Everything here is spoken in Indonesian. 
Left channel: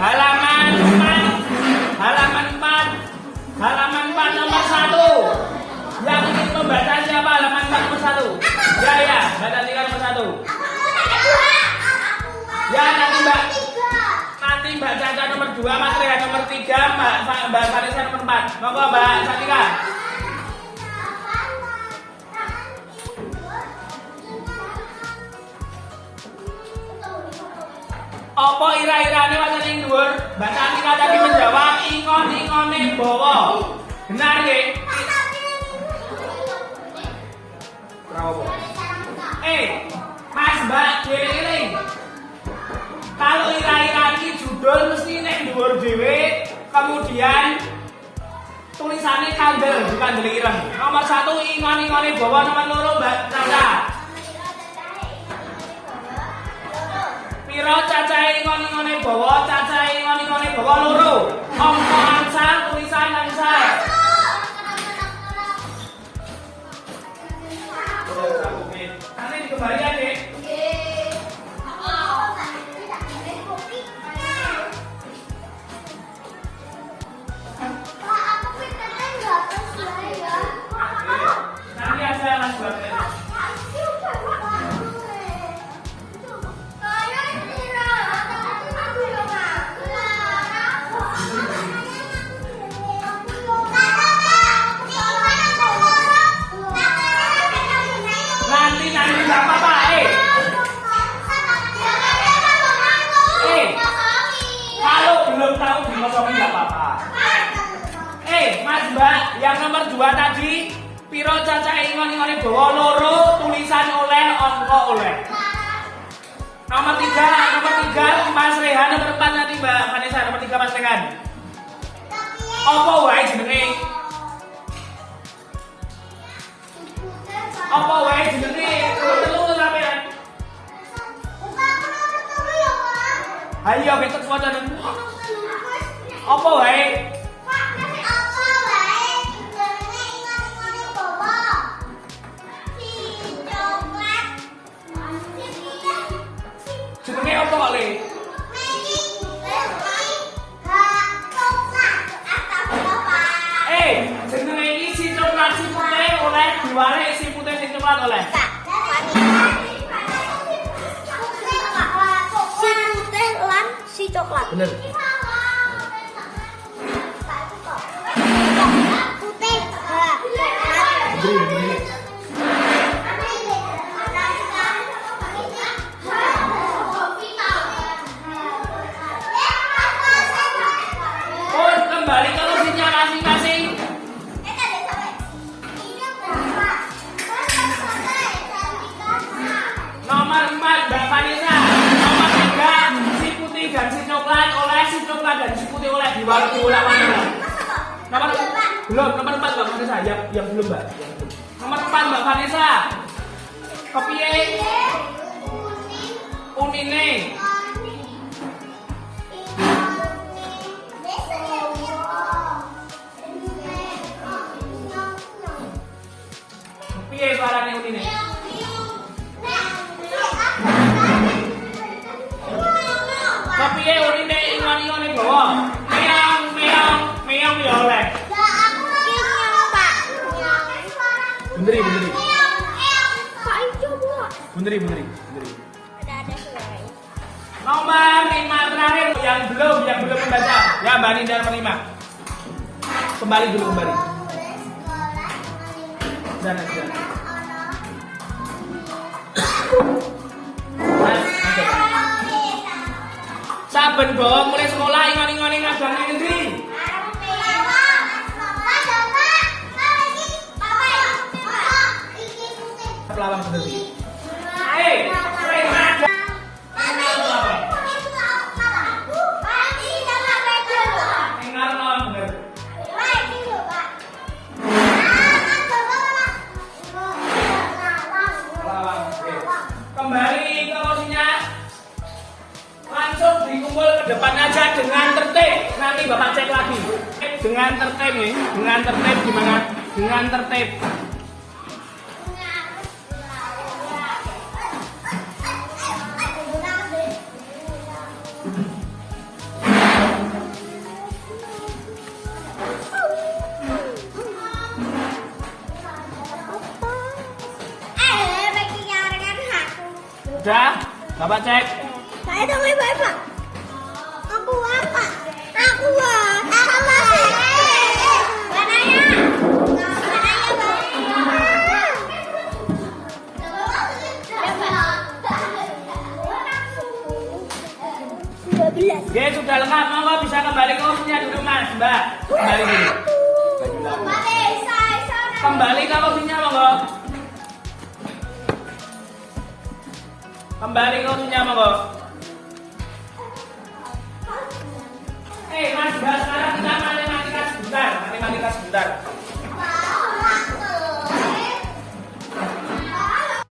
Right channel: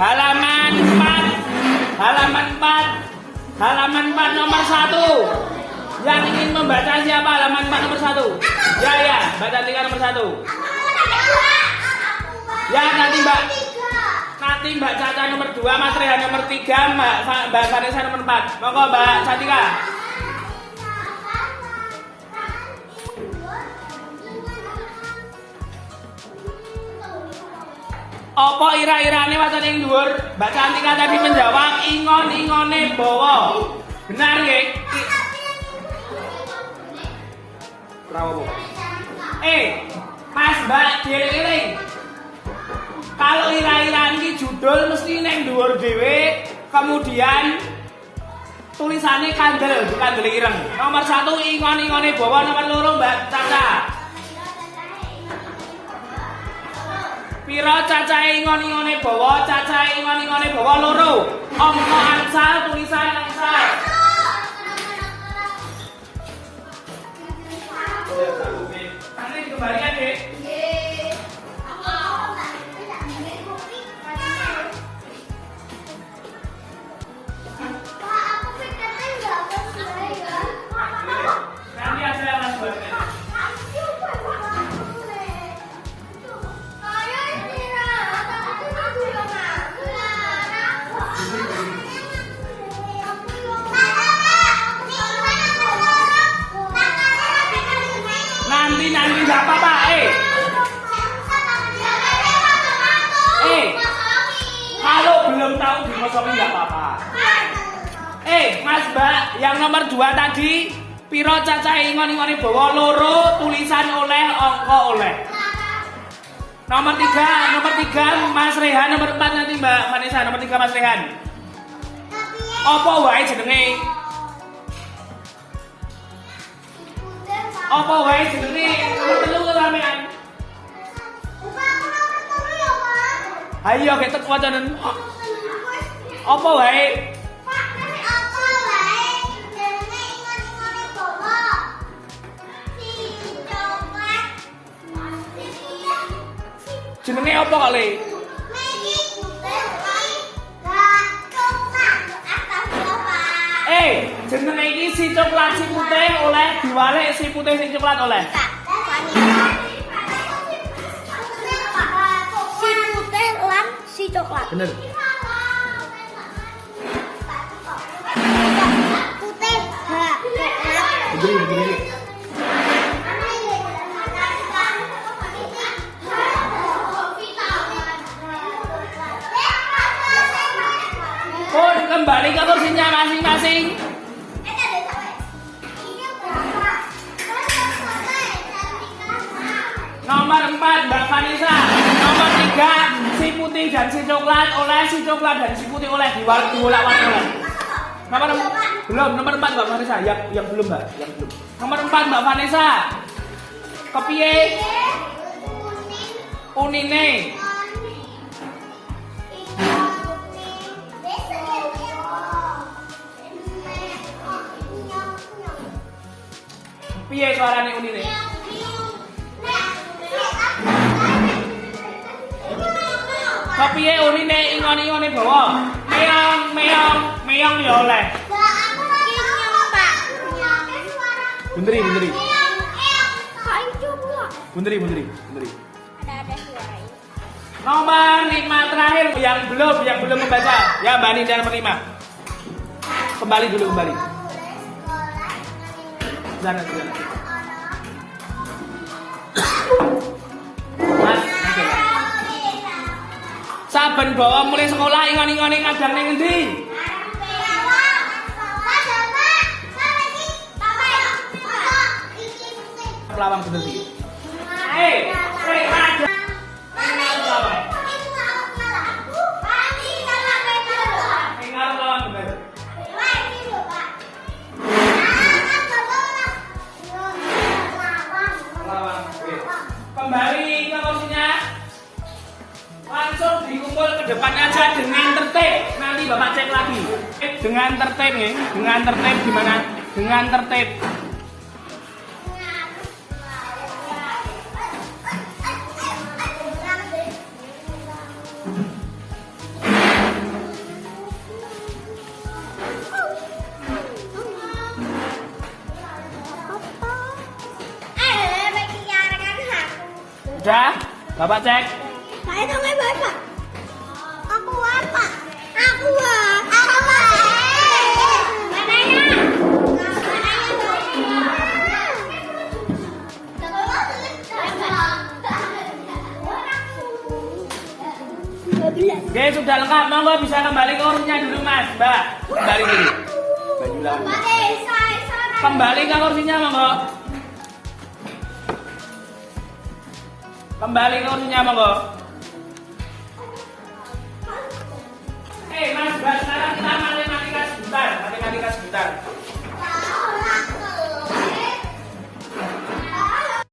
halaman 4 nomor 1. Yang ingin membaca siapa halaman 4 nomor 1? Ya, baca 3 nomor 1. Ya, nanti Mbak Caca nomor 2, Mas Rehan nomor 3, Mbak Vanessa nomor 4. Monggo Mbak Satika. Apa ira-irane wonten ing dhuwur? Mbak Satika tadi menjawab ingon-ingone bawa. Benar nggih? Bravo. Mas Mbak Giring. Kalau ira-irane iki judul mesti ning dhuwur dhewe, kemudian tulisannya kandel bukan beli ireng. Nomor 1 ingon-ingone bawa, nomor 2 Mbak Caca. Piro Caca ingon-ingone bawa, Caca ingon-ingone bawa loro. Om Caca tulisan langsung. Nanti kembali ya, Dek. Nanti ada Mas buatnya. Nanti nggak apa-apa. Kalau belum tahu ngomongin nggak apa-apa. Mas Mbak, yang nomor 2 tadi, piro Caca ingon-ingone bawa loro, tulisan oleh, angka oleh. Nomor 3 Mas Rehan, nomor 4 nanti Mbak Vanessa, nomor 3 Mas Rehan. Apa wae jenenge? Apa wae jenenge? Telu sampean. Ayo kita fotonen. Apa wae? Jenenge apa kali? Jenenge iki si coklat si putih oleh diwarik si putih sing coklat oleh. Si putih lan si coklat. Bener. Putih. Bener. Kembali ke kursinya masing-masing. Nomor 4 Mbak Vanessa. Nomor 3 si putih dan si coklat oleh, si coklat dan si putih oleh diulang lagi. Memang belum nomor 4 Mbak Vanessa. Yang belum Mbak. Yang belum. Nomor 4 Mbak Vanessa. Kepiye? Unine. Piye barane unine? Kepiye urine ingon-ingone bro? Meong ya oleh. Benderi. Nomor 5 terakhir yang belum dibaca. Ya Mbak Nida nomor 5. Kembali. Dan saben bawa mulai sekolah ingon-ingone ngajane ngendi? Lawan bener. Kembali ke posisinya. Langsung dikumpul ke depan aja dengan tertib. Nanti Bapak cek lagi. Dengan tertib nih. Dengan tertib gimana? Dengan tertib. Bapak cek. Saya dong Bapak. Aku apa? Aku apa? Mananya? Oke, sudah lengkap. Monggo bisa kembali ke urutnya dulu Mas, Mbak. Kembali dulu. Kembali ke urutnya monggo. Kembali ke urutnya monggo. Oke, Mas, Mbak, sekarang kita matematika sebentar. Matematika sebentar.